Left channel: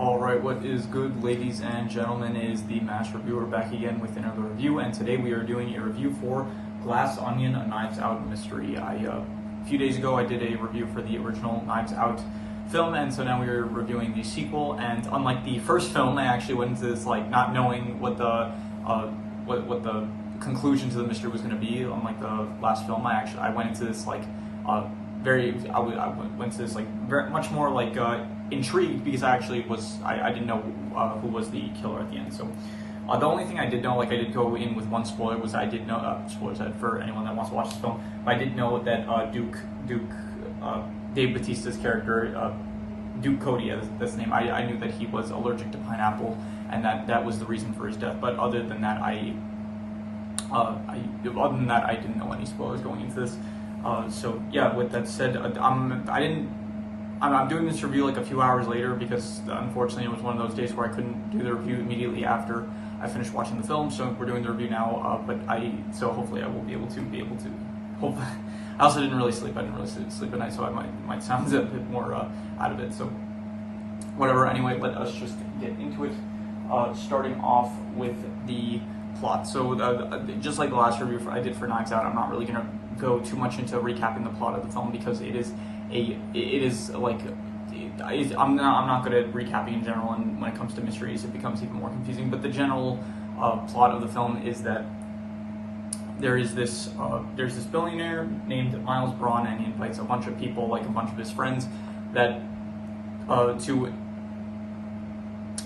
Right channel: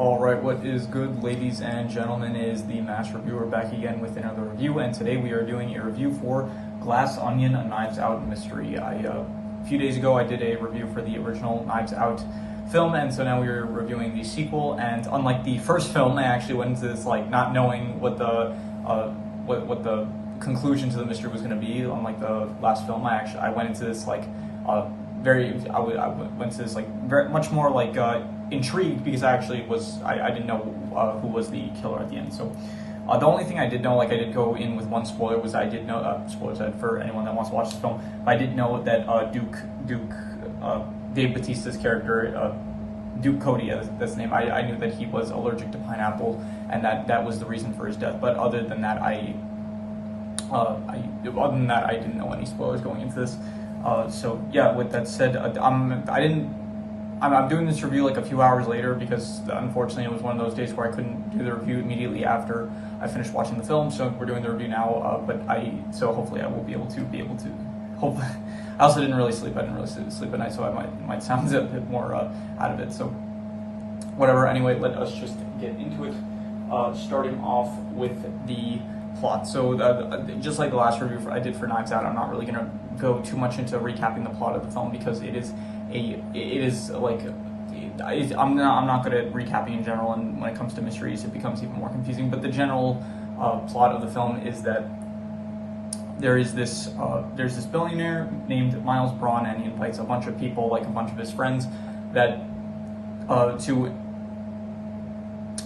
Alright, what is good, ladies and gentlemen, is the Mass Reviewer back again with another review, and today we are doing a review for Glass Onion, a Knives Out mystery. A few days ago I did a review for the original Knives Out film, and so now we are reviewing the sequel, and unlike the first film, I actually went into this not knowing what the conclusion to the mystery was going to be. Unlike the last film, I went into this I went to this very much more intrigued, because I didn't know who was the killer at the end. So the only thing I did know, I did go in with one spoiler, was I did know, spoilers for anyone that wants to watch this film, but I did know that Dave Bautista's character, Duke Cody, that's the name, I knew that he was allergic to pineapple, and that was the reason for his death. But other than that, I didn't know any spoilers going into this. So yeah, with that said, I'm doing this review a few hours later, because unfortunately it was one of those days where I couldn't do the review immediately after I finished watching the film. So we're doing the review now, so hopefully I will be able to. Hopefully, I also didn't really sleep. I didn't really sleep at night, so I might sound a bit more out of it. So whatever. Anyway, let us just get into it. Starting off with the plot. So just like the last review I did for Knives Out, I'm not really gonna go too much into recapping the plot of the film, because I'm not good at recapping in general, and when it comes to mysteries it becomes even more confusing. But the general plot of the film is that there's this billionaire named Miles Braun, and he invites a bunch of people, a bunch of his friends, to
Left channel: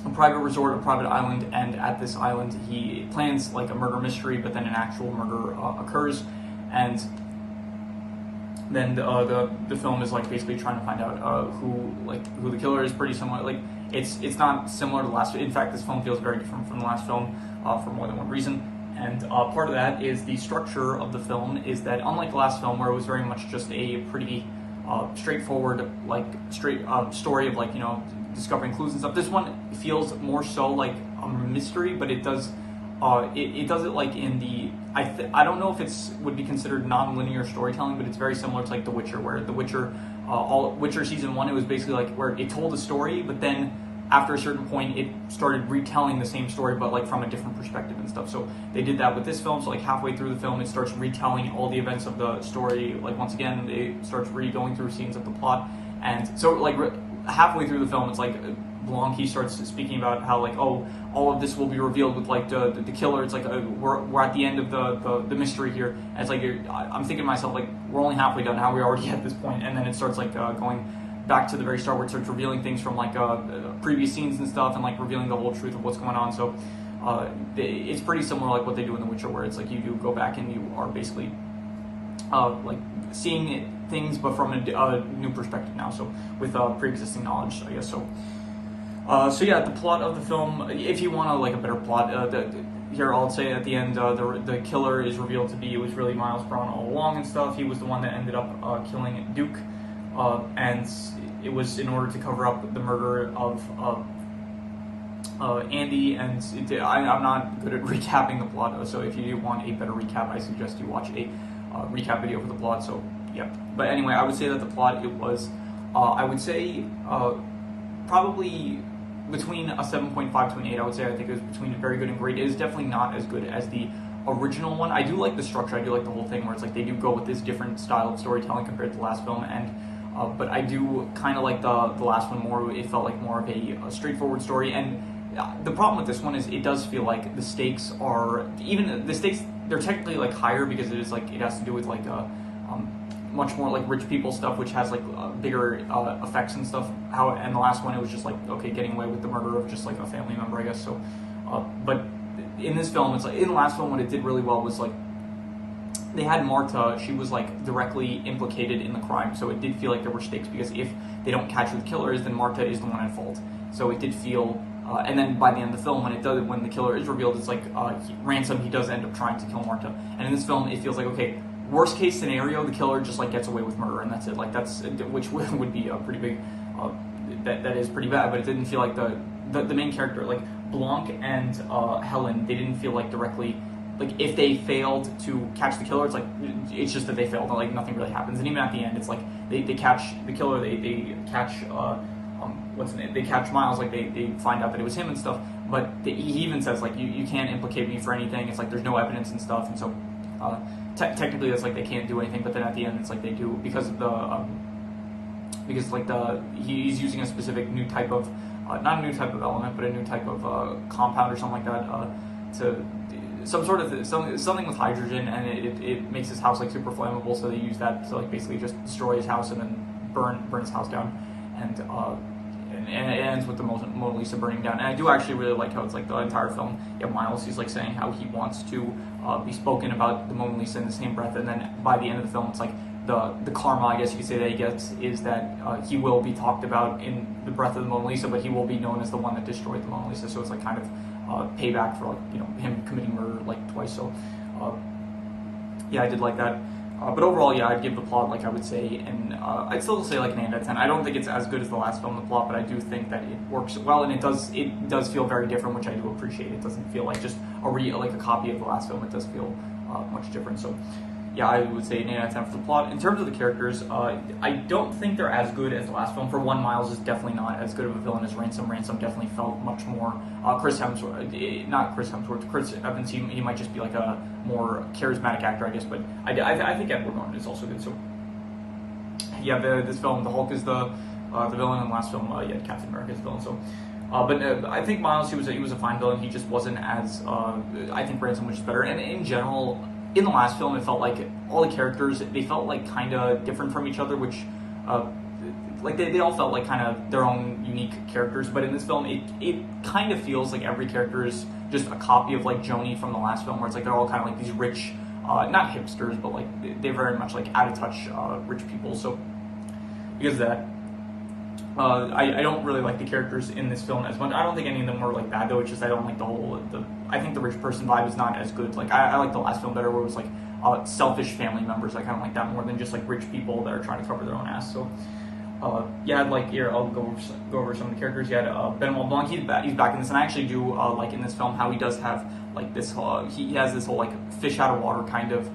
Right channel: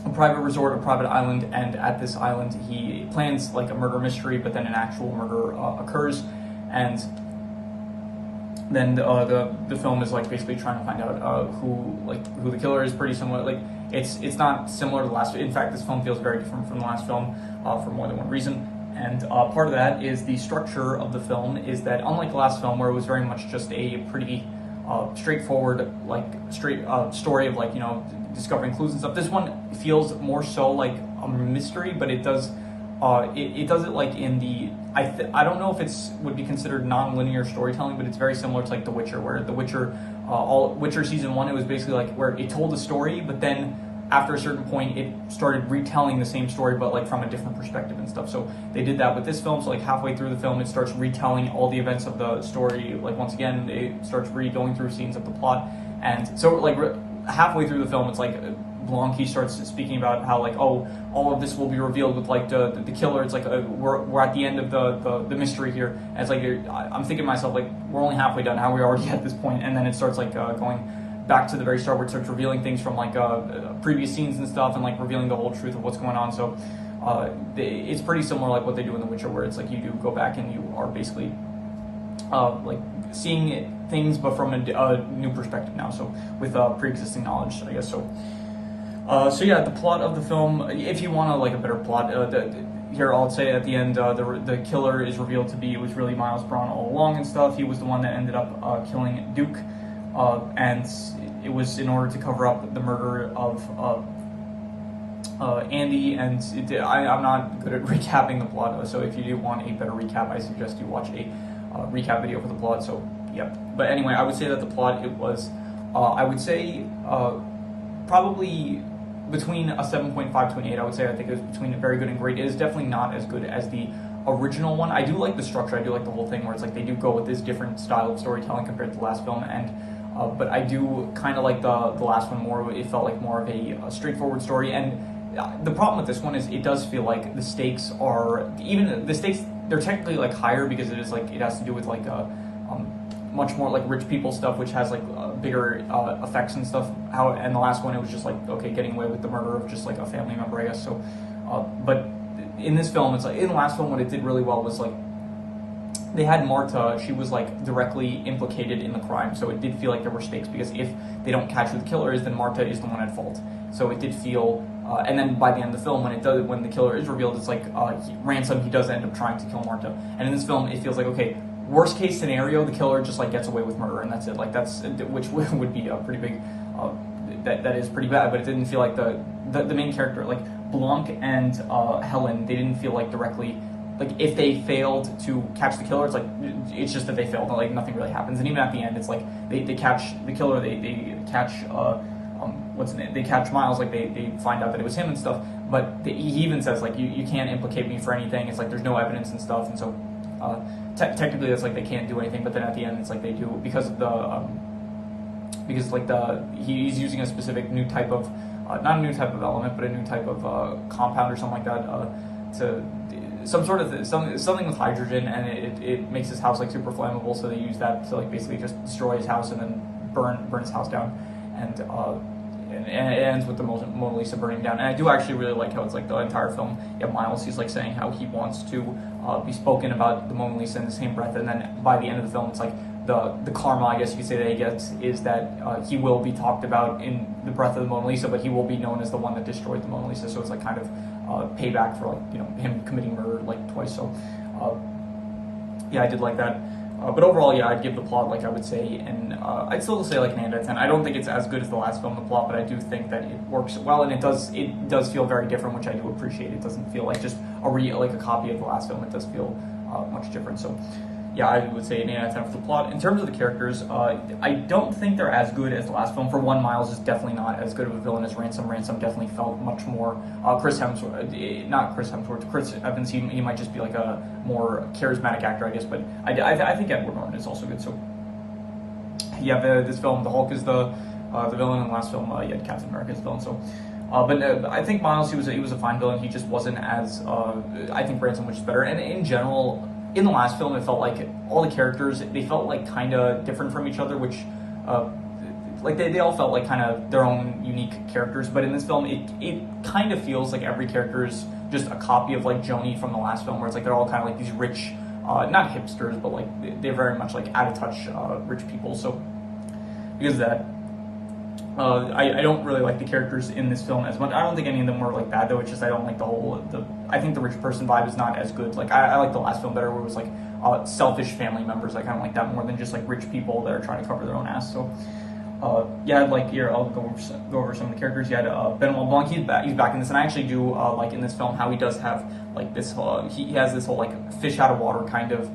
a private resort, a private island, and at this island he plans a murder mystery, but then an actual murder occurs, and then the film is basically trying to find out who the killer is. Pretty similar, it's not similar to the last. In fact, this film feels very different from the last film for more than one reason. And part of that is the structure of the film is that, unlike the last film where it was very much just a pretty straightforward story of discovering clues and stuff, this one feels more so like a mystery, but it does it does it in the I don't know if it's would be considered non-linear storytelling, but it's very similar to The Witcher, where The Witcher Witcher season 1, it was basically where it told a story, but then after a certain point it started retelling the same story, but from a different perspective and stuff. So they did that with this film. So halfway through the film it starts retelling all the events of the story. Once again it starts going through scenes of the plot, and so halfway through the film it's Blanc, he starts speaking about how all of this will be revealed with the killer. It's we're at the end of the mystery here, and it's I'm thinking to myself, we're only halfway done, how are we already at this point? And then it starts going back to the very start, where it starts revealing things from previous scenes and stuff, and revealing the whole truth of what's going on. So it's pretty similar what they do in The Witcher, where it's you do go back and you are basically seeing things, but from a new perspective now, so with pre-existing knowledge, I guess. So yeah, the plot of the film, if you want a better plot, here I'll say at the end, the killer is revealed to be, it was really Miles Braun all along and stuff. He was the one that ended up killing Duke, and it was in order to cover up the murder of Andy. And I'm not good at recapping the plot, so if you do want a better recap, I suggest you watch a recap video for the plot. So yeah, but anyway, I would say that the plot, it was I would say probably between a 7.5 to an 8. I would say I think it was between very good and great. It is definitely not as good as the original one. I do like the structure, I do like the whole thing where it's they do go with this different style of storytelling compared to the last film, and but I do kind of like the last one more. It felt like more of a straightforward story, and the problem with this one is it does feel the stakes are, even the stakes, they're technically higher, because it is it has to do with much more rich people stuff, which has bigger effects and stuff. And the last one, it was just okay, getting away with the murder of just a family member, I guess. So but in this film, it's in the last film, what it did really well was they had Marta, she was directly implicated in the crime, so it did feel there were stakes, because if they don't catch who the killer is, then Marta is the one at fault. So it did feel and then by the end of the film, when the killer is revealed, it's Ransom, he does end up trying to kill Marta. And in this film it feels okay, worst case scenario, the killer just gets away with murder, and that's it. That's, which would be a pretty big that is pretty bad. But it didn't feel the main character, Blanc and Helen, they didn't feel directly, if they failed to catch the killer, it's just that they failed, nothing really happens. And even at the end, it's they catch the killer, they catch they catch Miles, like they find out that it was him and stuff, but he even says like you can't implicate me for anything. It's like there's no evidence and stuff, and so technically that's like they can't do anything. But then at the end it's like they do because of the because like he's using a specific new type of not a new type of element, but a new type of compound or something like that to some sort of something with hydrogen, and it makes his house like super flammable. So they use that to like basically just destroy his house and then burn his house down, and it ends with the Mona Lisa burning down. And I do actually really like how it's like the entire film, you have Miles, he's like saying how he wants to be spoken about the Mona Lisa in the same breath, and then by the end of the film, it's like the karma, I guess you could say, that he gets is that he will be talked about in the breath of the Mona Lisa, but he will be known as the one that destroyed the Mona Lisa. So it's like kind of payback for like him committing murder like twice. So yeah, I did like that. But overall, yeah, I'd give the plot, like I would say, and I'd still say like an 8 out of 10. I don't think it's as good as the last film, the plot, but I do think that it works well, and it does feel very different, which I do appreciate. It doesn't feel like just like a copy of the last film. It does feel much different. So yeah, I would say an 8 out of 10 for the plot. In terms of the characters, I don't think they're as good as the last film. For one, Miles is definitely not as good of a villain as Ransom. Ransom definitely felt much more Chris Evans. He might just be like a more charismatic actor, I guess. But I think Edward Norton is also good. So yeah, this film, the Hulk is the villain, and the last film, you had Captain America as the villain. So. But I think Miles, he was a fine villain. He just wasn't as I think Ransom was just better. And in general, in the last film, it felt like all the characters, they felt like kind of different from each other, which like they all felt like kind of their own unique characters. But in this film, it kind of feels like every character is just a copy of like Joni from the last film, where it's like they're all kind of like these rich, not hipsters, but like they're very much like out of touch rich people. So because of that, I don't really like the characters in this film as much. I don't think any of them were like bad though. It's just I don't like I think the rich person vibe is not as good. Like I like the last film better, where it was like selfish family members. I kind of like that more than just like rich people that are trying to cover their own ass. So yeah, I'd like here. I'll go over some of the characters. You had Benoit Blanc. He's back in this, and I actually do like in this film how he does have like this. He has this whole like fish out of water kind of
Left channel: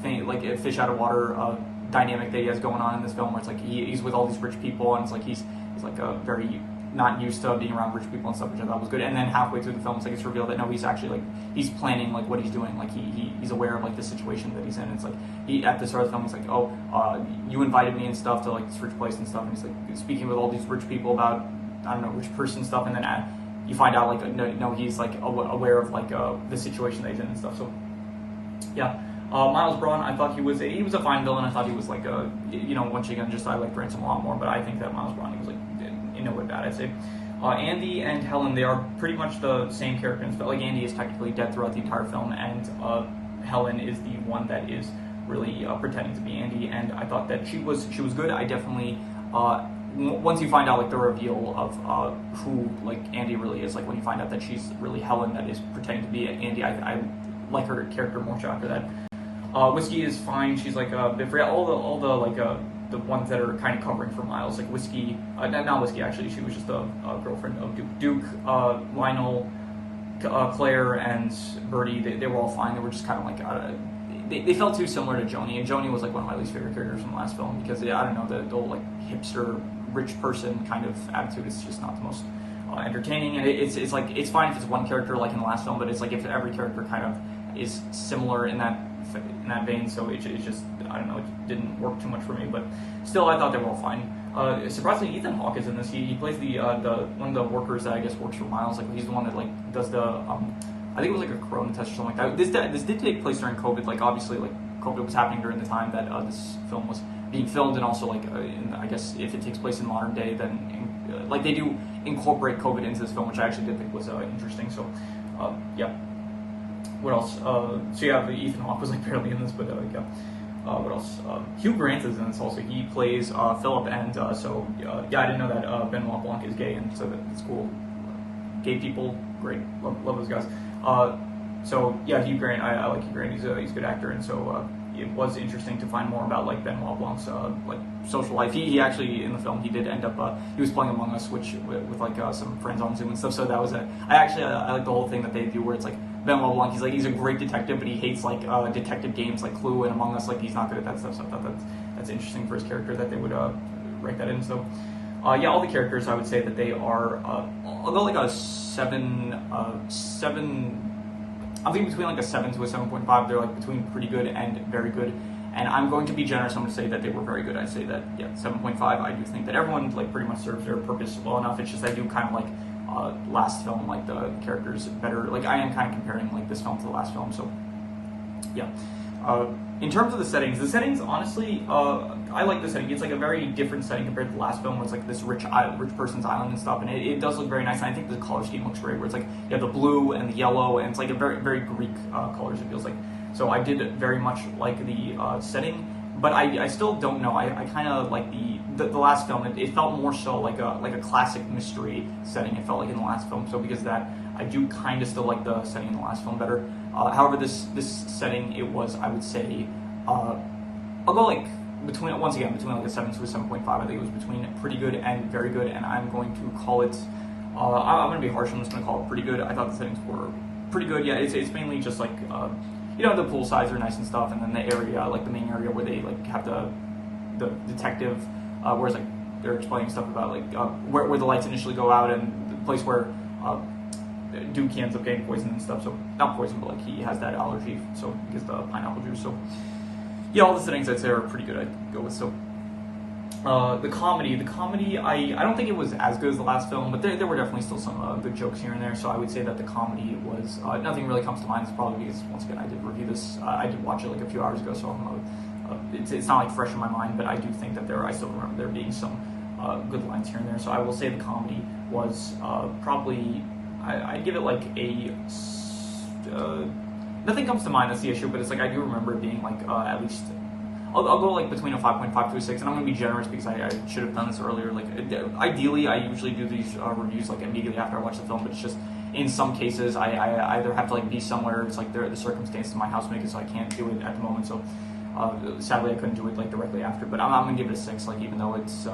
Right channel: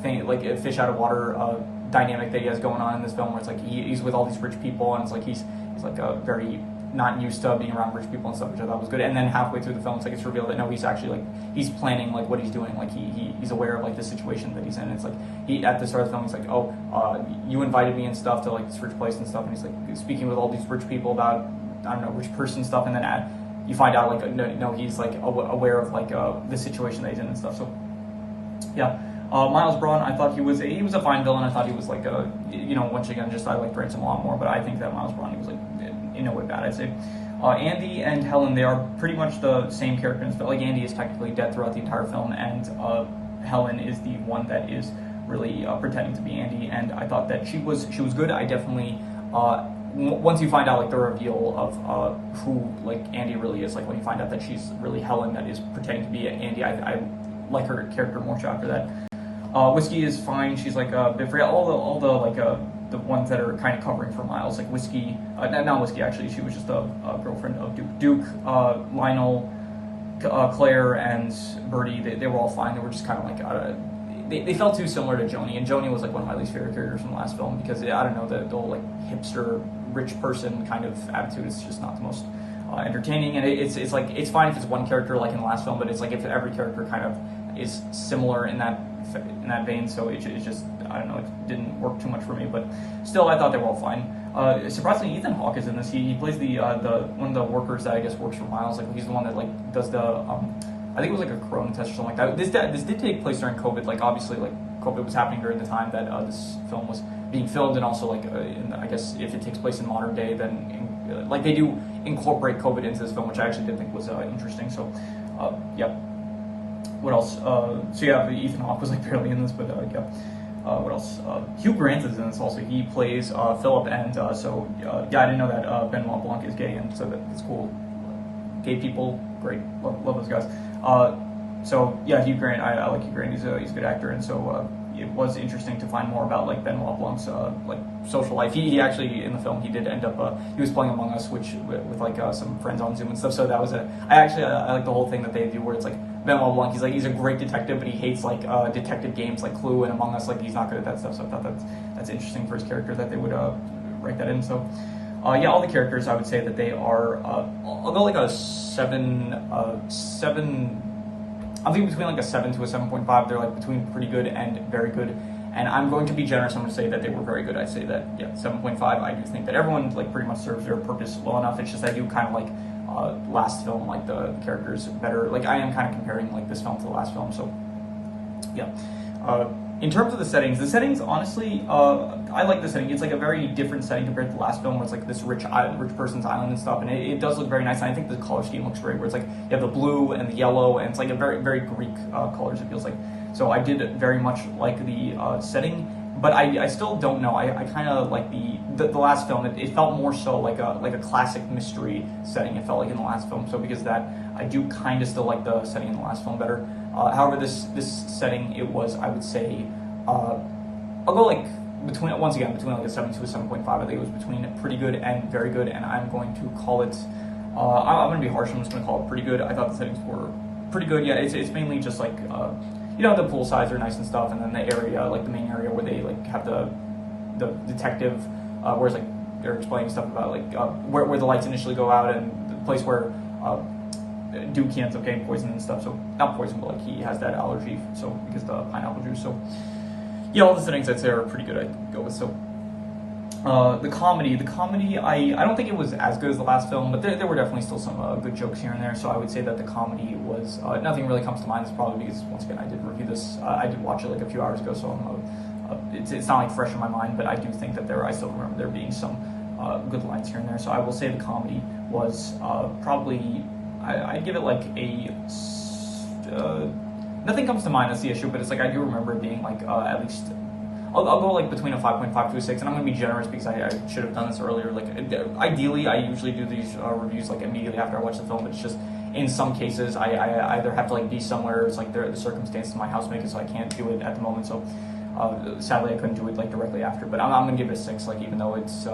thing, like a fish out of water dynamic that he has going on in this film, where it's like he's with all these rich people, and it's like he's like a very not used to being around rich people and stuff, which I thought was good. And then halfway through the film, it's like it's revealed that no, he's actually like he's planning like what he's doing. Like he's aware of like the situation that he's in. It's like at the start of the film, he's like, oh, you invited me and stuff to like this rich place and stuff, and he's like speaking with all these rich people about I don't know rich person stuff, and then you find out like no, he's like aware of like the situation that he's in and stuff. So yeah. Miles Braun, I thought he was a fine villain. I thought he was like once again, just I liked Ransom a lot more, but I think that Miles Braun, he was like in no way bad, I'd say. Andy and Helen, they are pretty much the same characters, but like Andy is technically dead throughout the entire film, and Helen is the one that is really pretending to be Andy, and I thought that she was good. I definitely once you find out like the reveal of who like Andy really is, like when you find out that she's really Helen that is pretending to be Andy, I like her character more so after that. Whiskey is fine. She's like a bit free. All the like the ones that are kind of covering for Miles, like Whiskey, not Whiskey actually. She was just a girlfriend of Duke. Duke, Lionel, Claire, and Birdie. They were all fine. They were just kind of like they felt too similar to Joni, and Joni was like one of my least favorite characters in the last film because I don't know the whole like hipster rich person kind of attitude is just not the most entertaining, and it's like it's fine if it's one character like in the last film, but it's like if every character kind of is similar in that vein, so it just I don't know, it didn't work too much for me, but still I thought they were all fine. Surprisingly, Ethan Hawke is in this. He plays the one of the workers that I guess works for Miles. Like he's the one that like does the I think it was like a corona test or something like that. This did take place during COVID. Like obviously like COVID was happening during the time that this film was being filmed, and also like I guess if it takes place in modern day, then like they do incorporate COVID into this film, which I actually did think was interesting. So yeah. What else? So yeah, Ethan Hawke was like barely in this, but yeah. What else? Hugh Grant is in this also. He plays Philip, and so yeah, I didn't know that Benoit Blanc is gay, and so that's cool. Gay people, great, love those guys. So yeah, Hugh Grant, I like Hugh Grant. He's a good actor, and so it was interesting to find more about like Benoit Blanc's like social life. He actually in the film he did end up he was playing Among Us, which with like some friends on Zoom and stuff. So that was I like the whole thing that they do where it's like Benoit Blanc, he's a great detective, but he hates like detective games like Clue and Among Us. Like he's not good at that stuff. So I thought that's interesting for his character that they would write that in. So Yeah, all the characters, I would say that they are, I'll go like a 7, I think between like a 7 to a 7.5. They're like between pretty good and very good. And I'm going to be generous. I'm going to say that they were very good. I say that, yeah, 7.5. I do think that everyone like pretty much serves their purpose well enough. It's just I do kind of like last film, like the characters better. Like I am kind of comparing like this film to the last film. So yeah. In terms of the settings, honestly, I like the setting. It's like a very different setting compared to the last film, where it's like this rich person's island and stuff, and it does look very nice. And I think the color scheme looks great, where it's like you have the blue and the yellow, and it's like a very, very Greek colors, it feels like. So I did very much like the setting, but I still don't know. I kind of like the last film. It felt more so like a classic mystery setting. It felt like in the last film. So because of that, I do kind of still like the setting in the last film better. However, this setting, it was, I would say, I'll go like between like a 7 to a 7.5. I think it was between pretty good and very good, and I'm going to call it. I'm going to be harsh. I'm just going to call it pretty good. I thought the settings were pretty good. Yeah, it's mainly just like. The pool sides are nice and stuff, and then the area, like the main area where they like have the detective, where it's like they're explaining stuff about like where the lights initially go out, and the place where Duke ends up getting poisoned and stuff. So not poison, but like he has that allergy, so because the pineapple juice. So yeah, all the settings I'd say are pretty good. I'd go with. So the comedy, I don't think it was as good as the last film, but there were definitely still some good jokes here and there. So I would say that the comedy was nothing really comes to mind. It's probably because once again I did review this. I did watch it like a few hours ago, so it's not like fresh in my mind. But I do think that I still remember there being some good lines here and there. So I will say the comedy was probably I'd give it like a. Nothing comes to mind. That's the issue, but it's like I do remember it being like at least. I'll go like between a 5.5 to a 6, and I'm going to be generous because I should have done this earlier. Like ideally, I usually do these reviews like immediately after I watch the film, but it's just in some cases I either have to like be somewhere. It's like the circumstances of my house make it so I can't do it at the moment. So sadly, I couldn't do it like directly after. But I'm going to give it a 6. Like even though it's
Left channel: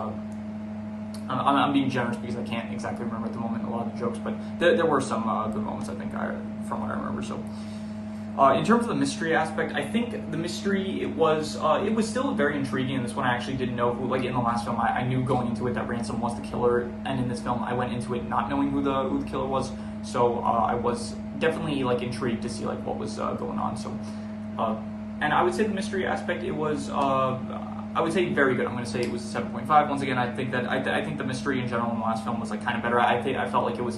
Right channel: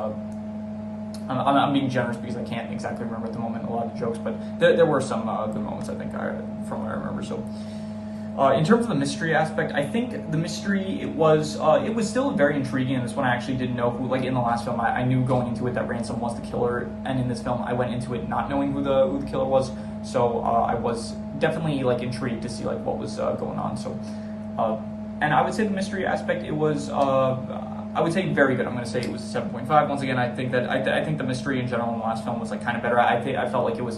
I'm being generous because I can't exactly remember at the moment a lot of the jokes, but there were some good moments I think from what I remember. So. In terms of the mystery aspect, I think the mystery, it was still very intriguing. In this one, I actually didn't know who, like in the last film, I knew going into it that Ransom was the killer, and in this film, I went into it not knowing who the killer was. So I was definitely like intrigued to see like what was going on. So, and I would say the mystery aspect, it was, I would say very good. I'm going to say it was a 7.5. Once again, I think that I think the mystery in general in the last film was like kind of better. I felt like it was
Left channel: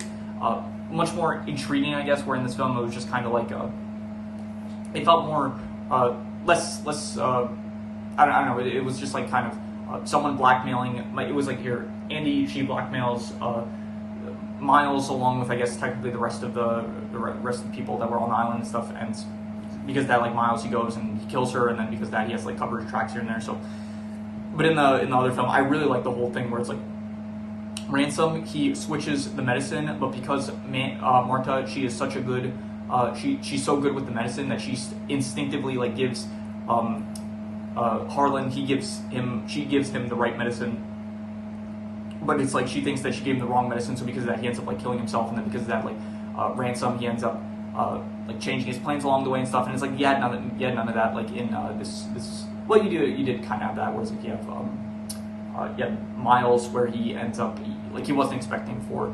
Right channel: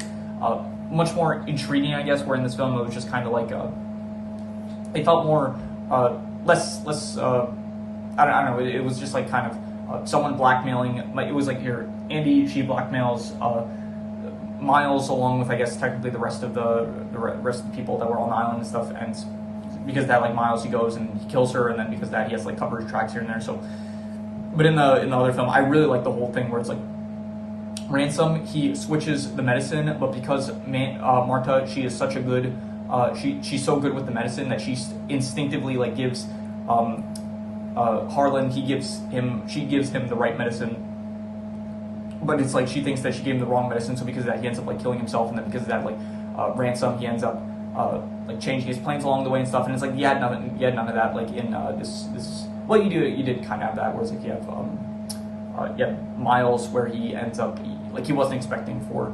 much more intriguing, I guess, where in this film it was just kind of like it felt more less I don't know, it was just like kind of someone blackmailing, like it was like your Andy, she blackmails Miles along with I guess technically the rest of the rest of the people that were on the island and stuff, and because of that, like Miles, he goes and he kills her, and then because of that he has like coverage tracks here and there. So but in the other film, I really like the whole thing where it's like Ransom, he switches the medicine, but because Marta, she is such a good she's so good with the medicine that she instinctively like gives Harlan, she gives him the right medicine, but it's like she thinks that she gave him the wrong medicine, so because of that he ends up like killing himself, and then because of that like Ransom, he ends up like changing his plans along the way and stuff, and it's like you had none of that like in this well you did kind of have that, whereas like you have Miles where he ends up like he wasn't expecting for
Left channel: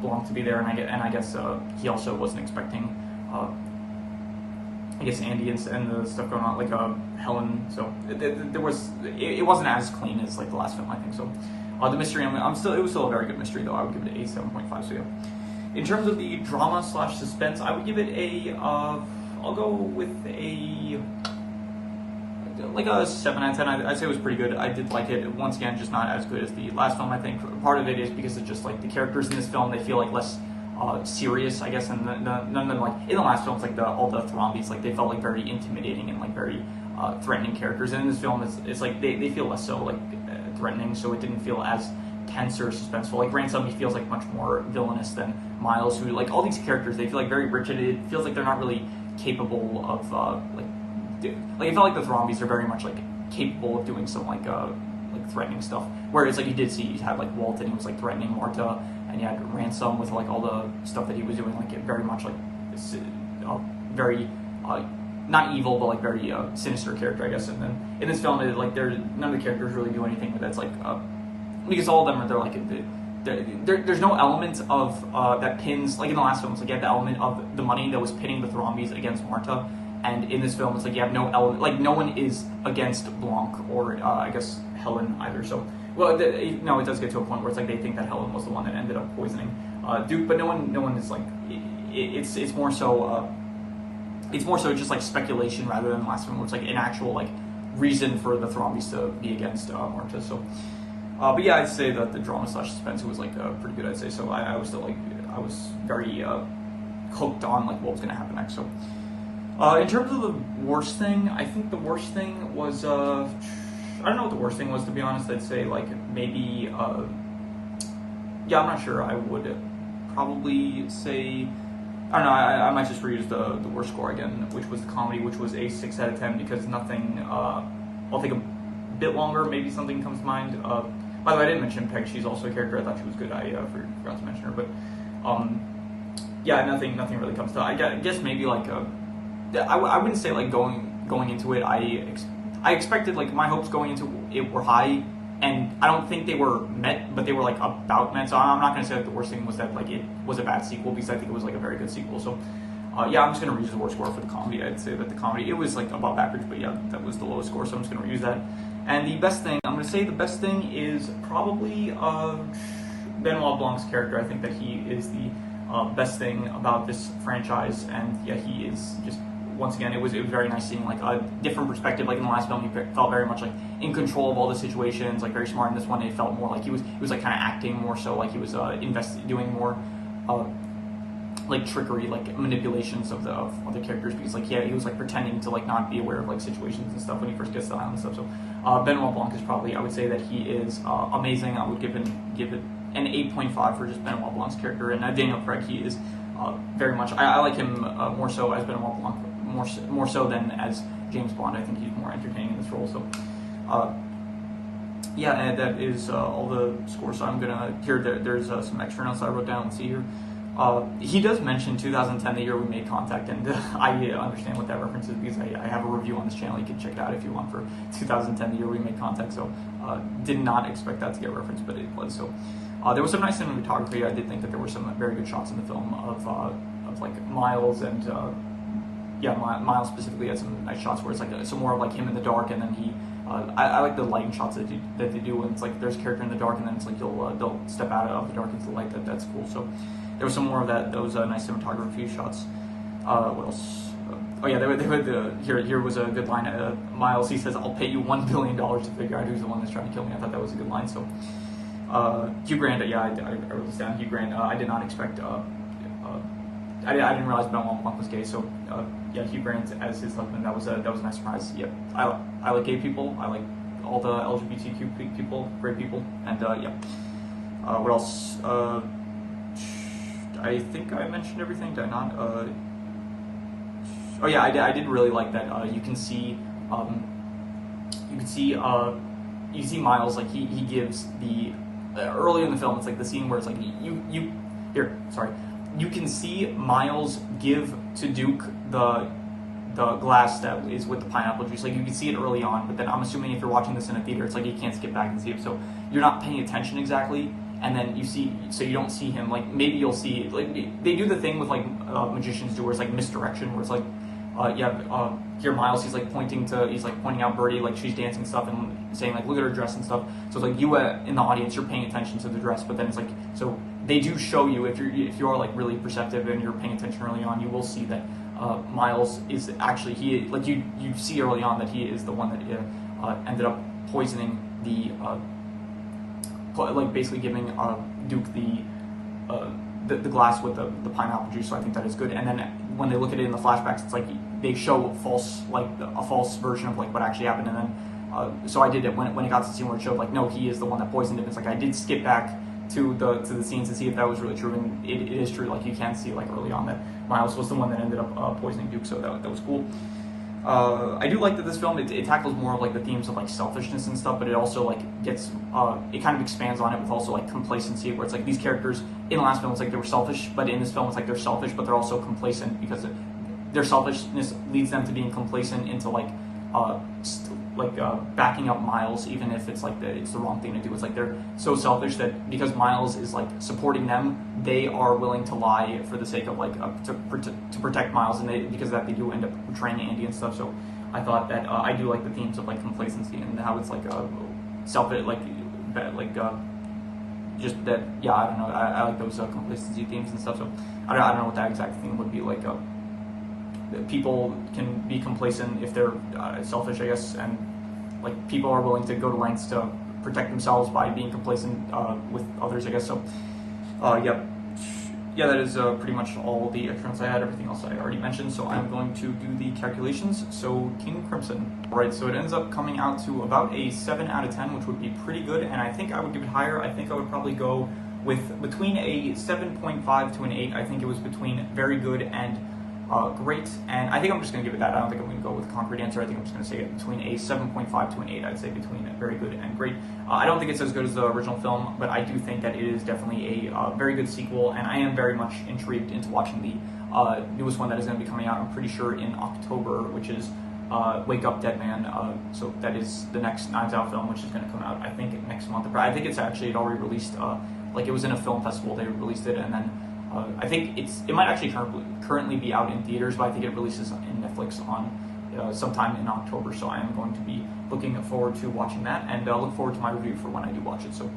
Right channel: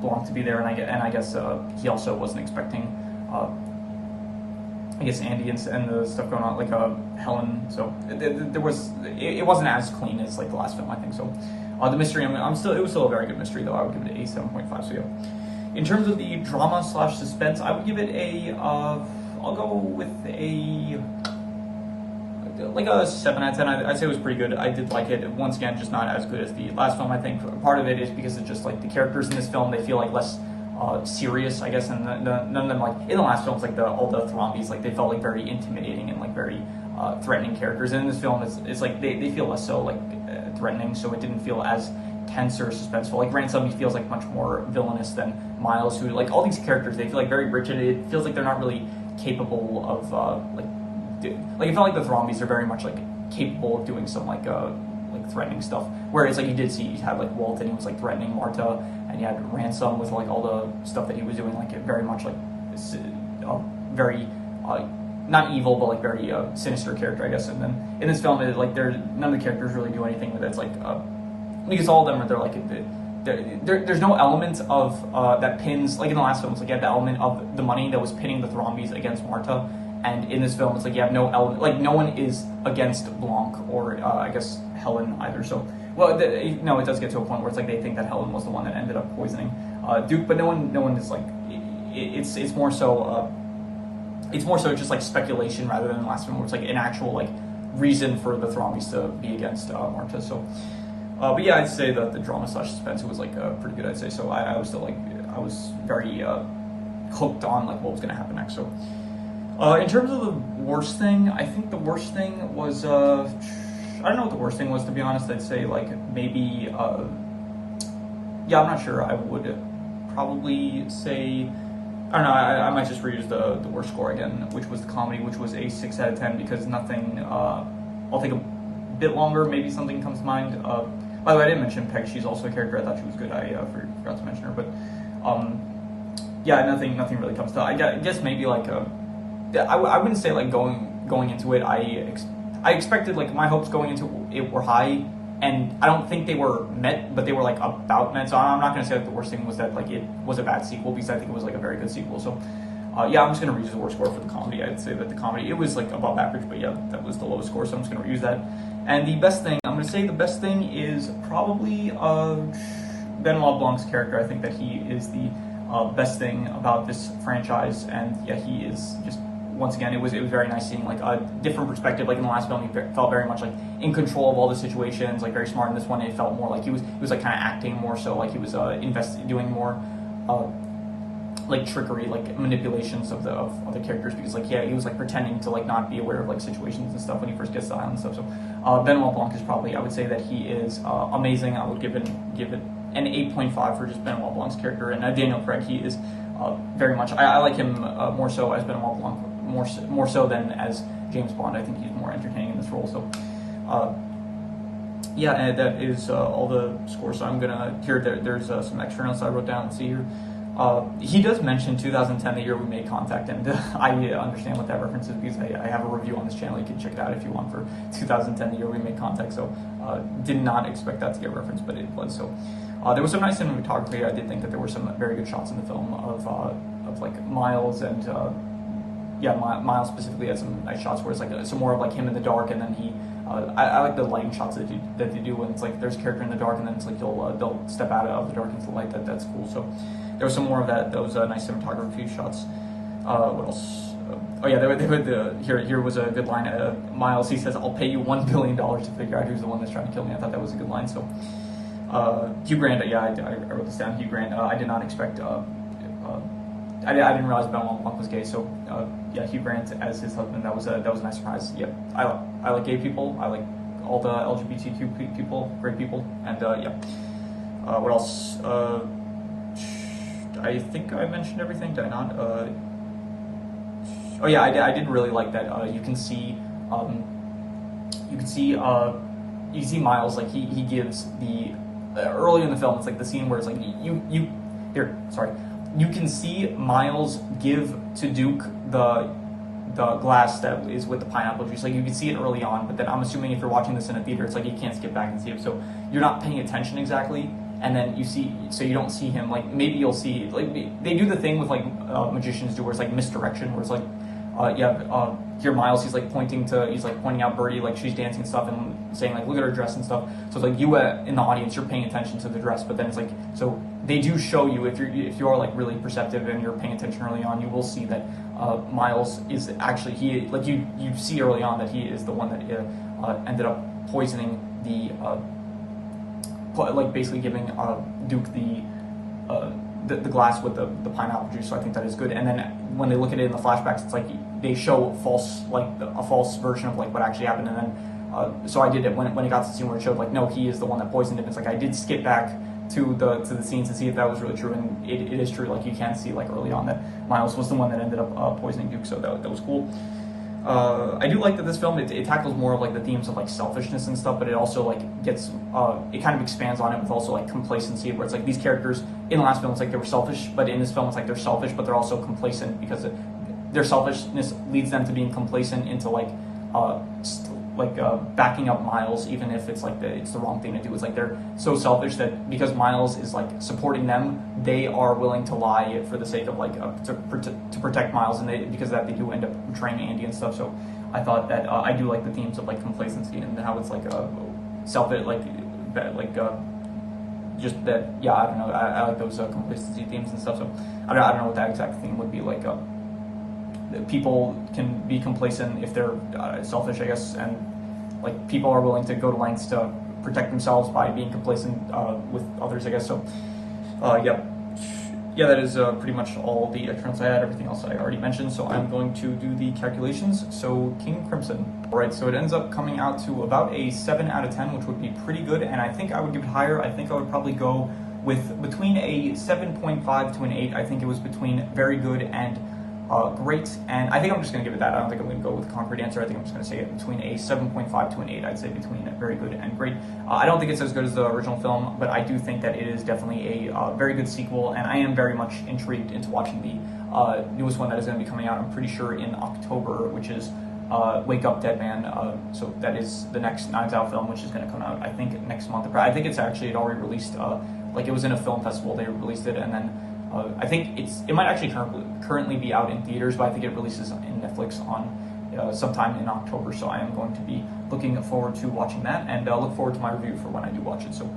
Blanc to be there, and I guess he also wasn't expecting I guess Andy and the stuff going on like Helen. So it wasn't as clean as like the last film, I think. So the mystery, it was still a very good mystery though. I would give it a 7.5. So yeah. In terms of the drama / suspense, I would give it a I'll go with a like a 7 out of 10. I'd say it was pretty good. I did like it. Once again, just not as good as the last film. I think part of it is because it's just like the characters in this film, they feel like less serious, I guess, and none of them, like in the last films, like all the Thrombies, like they felt like very intimidating and like very threatening characters. And in this film, it's like they feel less so like threatening, so it didn't feel as tense or suspenseful. Like Ransom, he feels like much more villainous than Miles, who like all these characters, they feel like very rich, and it feels like they're not really capable of like it felt like the Thrombies are very much like capable of doing some like threatening stuff. Whereas like you did see you had like Walt, and he was like threatening Marta, and you had Ransom with like all the stuff that he was doing, like very much like very not evil, but like very sinister character, I guess. And then in this film, none of the characters really do anything that's like because all of them are, they're like, there's no element of that pins, like in the last film, it's like you had the element of the money that was pinning the Thrombys against Marta, and in this film, it's like you have no element, like no one is against Blanc or I guess Helen either. So, well, no, it does get to a point where it's like they think that Helen was the one that ended up poisoning Duke, but no one is like, it's more so just like speculation rather than the last film where it's like an actual like reason for the Thrombys to be against Marta. So. But yeah, I'd say that the drama / suspense was like pretty good, I'd say. So I was still like, I was very hooked on like what was gonna happen next. So in terms of the worst thing, I think the worst thing was I don't know what the worst thing was, to be honest. I'd say like maybe yeah, I'm not sure. I would probably say, I don't know, I might just reuse the worst score again, which was the comedy, which was a 6 out of 10 because nothing. I'll take a bit longer, maybe something comes to mind. By the way, I didn't mention Peg. She's also a character. I thought she was good. I forgot to mention her, but yeah, nothing really comes to. I guess maybe like I wouldn't say like going into it. I expected, like, my hopes going into it were high, and I don't think they were met, but they were like about met. So I'm not gonna say that the worst thing was that like it was a bad sequel, because I think it was like a very good sequel. So yeah, I'm just gonna reuse the worst score for the comedy. I'd say that the comedy, it was like above average, but yeah, that was the lowest score. So I'm just gonna reuse that. And the best thing, I'm going to say the best thing is probably Benoit Blanc's character. I think that he is the best thing about this franchise. And yeah, he is just, once again, it was very nice seeing like a different perspective. Like in the last film, he felt very much like in control of all the situations, like very smart. In this one, it felt more like he was like kind of acting more so, like he was doing more like trickery, like manipulations of the characters, because like, yeah, he was like pretending to like not be aware of like situations and stuff when he first gets to the island and stuff. So Benoit Blanc is probably, I would say that he is amazing. I would give it an 8.5 for just Benoit Blanc's character. And Daniel Craig, he is very much, I like him more so as Benoit Blanc, more so than as James Bond. I think he's more entertaining in this role. So yeah, and that is all the scores. So I'm gonna, there's some extra notes I wrote down. Let's see here. He does mention 2010, the year we made contact, and I understand what that reference is because I have a review on this channel. You can check it out if you want, for 2010, the year we made contact. So did not expect that to get referenced, but it was. So there was some nice cinematography. I did think that there were some very good shots in the film of like Miles, and yeah, Miles specifically had some nice shots where it's like some more of like him in the dark, and then he. I like the lighting shots that they do when it's like there's a character in the dark, and then it's like they'll step out of the dark into the light. That's cool. So. There was some more of that. Those nice cinematography shots. What else? Oh yeah, here was a good line. Miles, he says, "I'll pay you $1 billion to figure out who's the one that's trying to kill me." I thought that was a good line. So, Hugh Grant. Yeah, I wrote this down. Hugh Grant. I did not expect. I didn't realize Benoit Blanc was gay. So yeah, Hugh Grant as his husband. That was a nice surprise. Yeah, I like gay people. I like all the LGBTQ people, great people, and yeah. What else? I think I mentioned everything. Did I not? Oh yeah, I did really like that. You can see Miles, like he gives the early in the film. It's like the scene where it's like you can see Miles give to Duke the glass that is with the pineapple juice. Like you can see it early on, but then I'm assuming if you're watching this in a theater, it's like you can't skip back and see it. So you're not paying attention exactly. And then you see, so you don't see him, like maybe you'll see, like they do the thing with like magicians do where it's like misdirection, where it's like, here Miles, he's like pointing out Birdie, like she's dancing and stuff, and saying like, look at her dress and stuff. So it's like you in the audience, you're paying attention to the dress, but then it's like, so they do show you, if you're like really perceptive and you're paying attention early on, you will see that Miles is actually, you see early on that he is the one that ended up poisoning the, like basically giving Duke the glass with the pineapple juice. So I think that is good. And then when they look at it in the flashbacks, it's like they show a false version of like what actually happened. And then so I did it when it got to the scene where it showed like, no, he is the one that poisoned him. It's like I did skip back to the scenes to see if that was really true, and it is true. Like you can see like early on that Miles was the one that ended up poisoning Duke. So that was cool. I do like that this film, it tackles more of like the themes of like selfishness and stuff, but it also like gets, it kind of expands on it with also like complacency, where it's like these characters in the last film, it's like they were selfish, but in this film, it's like they're selfish, but they're also complacent because their selfishness leads them to being complacent into like, backing up Miles, even if it's like it's the wrong thing to do. It's like they're so selfish that because Miles is like supporting them, they are willing to lie for the sake of like to protect Miles, and because of that they do end up betraying Andy and stuff. So I thought that I do like the themes of like complacency and how it's like selfish, just that. Yeah, I don't know. I like those complacency themes and stuff. So I don't know what that exact theme would be like. People can be complacent if they're selfish, I guess, and like people are willing to go to lengths to protect themselves by being complacent with others, I guess. So, yeah, that is pretty much all the extra notes I had. Everything else I already mentioned. So I'm going to do the calculations. So King Crimson, all right. So it ends up coming out to about a 7 out of 10, which would be pretty good. And I think I would give it higher. I think I would probably go with between a 7.5 to an 8. I think it was between very good and great, and I think I'm just going to give it that. I don't think I'm going to go with a concrete answer. I think I'm just going to say it between a 7.5 to an 8. I'd say between very good and great. I don't think it's as good as the original film, but I do think that it is definitely a very good sequel, and I am very much intrigued into watching the newest one that is going to be coming out, I'm pretty sure in October, which is Wake Up Dead Man. So that is the next Knives Out film, which is going to come out, I think, next month. I think it's actually, it already released, like it was in a film festival, they released it, and then I think it might actually currently be out in theaters, but I think it releases in Netflix on sometime in October. So I am going to be looking forward to watching that, and look forward to my review for when I do watch it. So,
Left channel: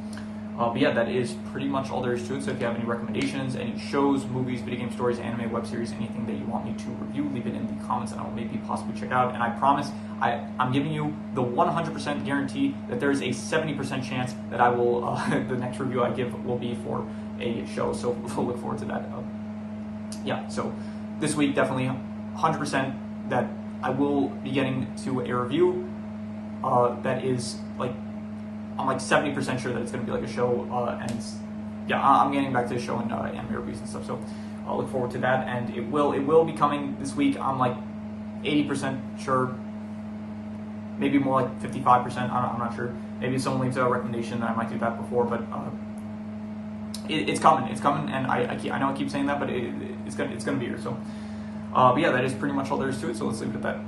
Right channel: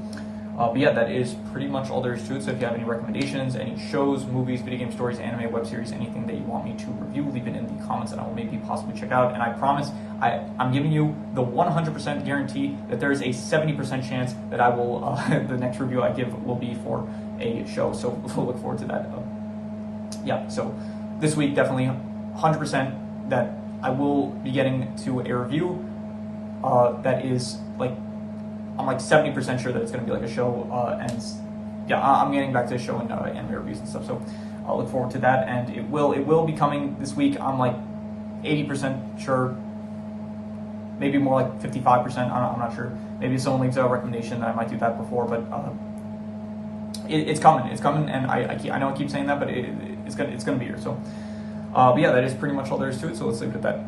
but yeah, that is pretty much all there is to it. So if you have any recommendations, any shows, movies, video game stories, anime, web series, anything that you want me to review, leave it in the comments, and I will maybe possibly check out. And I promise, I'm giving you the 100% guarantee that there is a 70% chance that I will the next review I give will be for a show, so we'll look forward to that. Yeah, so this week definitely 100% that I will be getting to a review that is like, I'm like 70% sure that it's going to be like a show, and yeah, I'm getting back to the show and anime reviews and stuff, so I'll look forward to that, and it will be coming this week. I'm like 80% sure, maybe more like 55%, I'm not sure. Maybe someone leaves a recommendation that I might do that before, but it's coming, and I know I keep saying that, but it's gonna be here. So, but yeah, that is pretty much all there is to it. So let's leave it at that.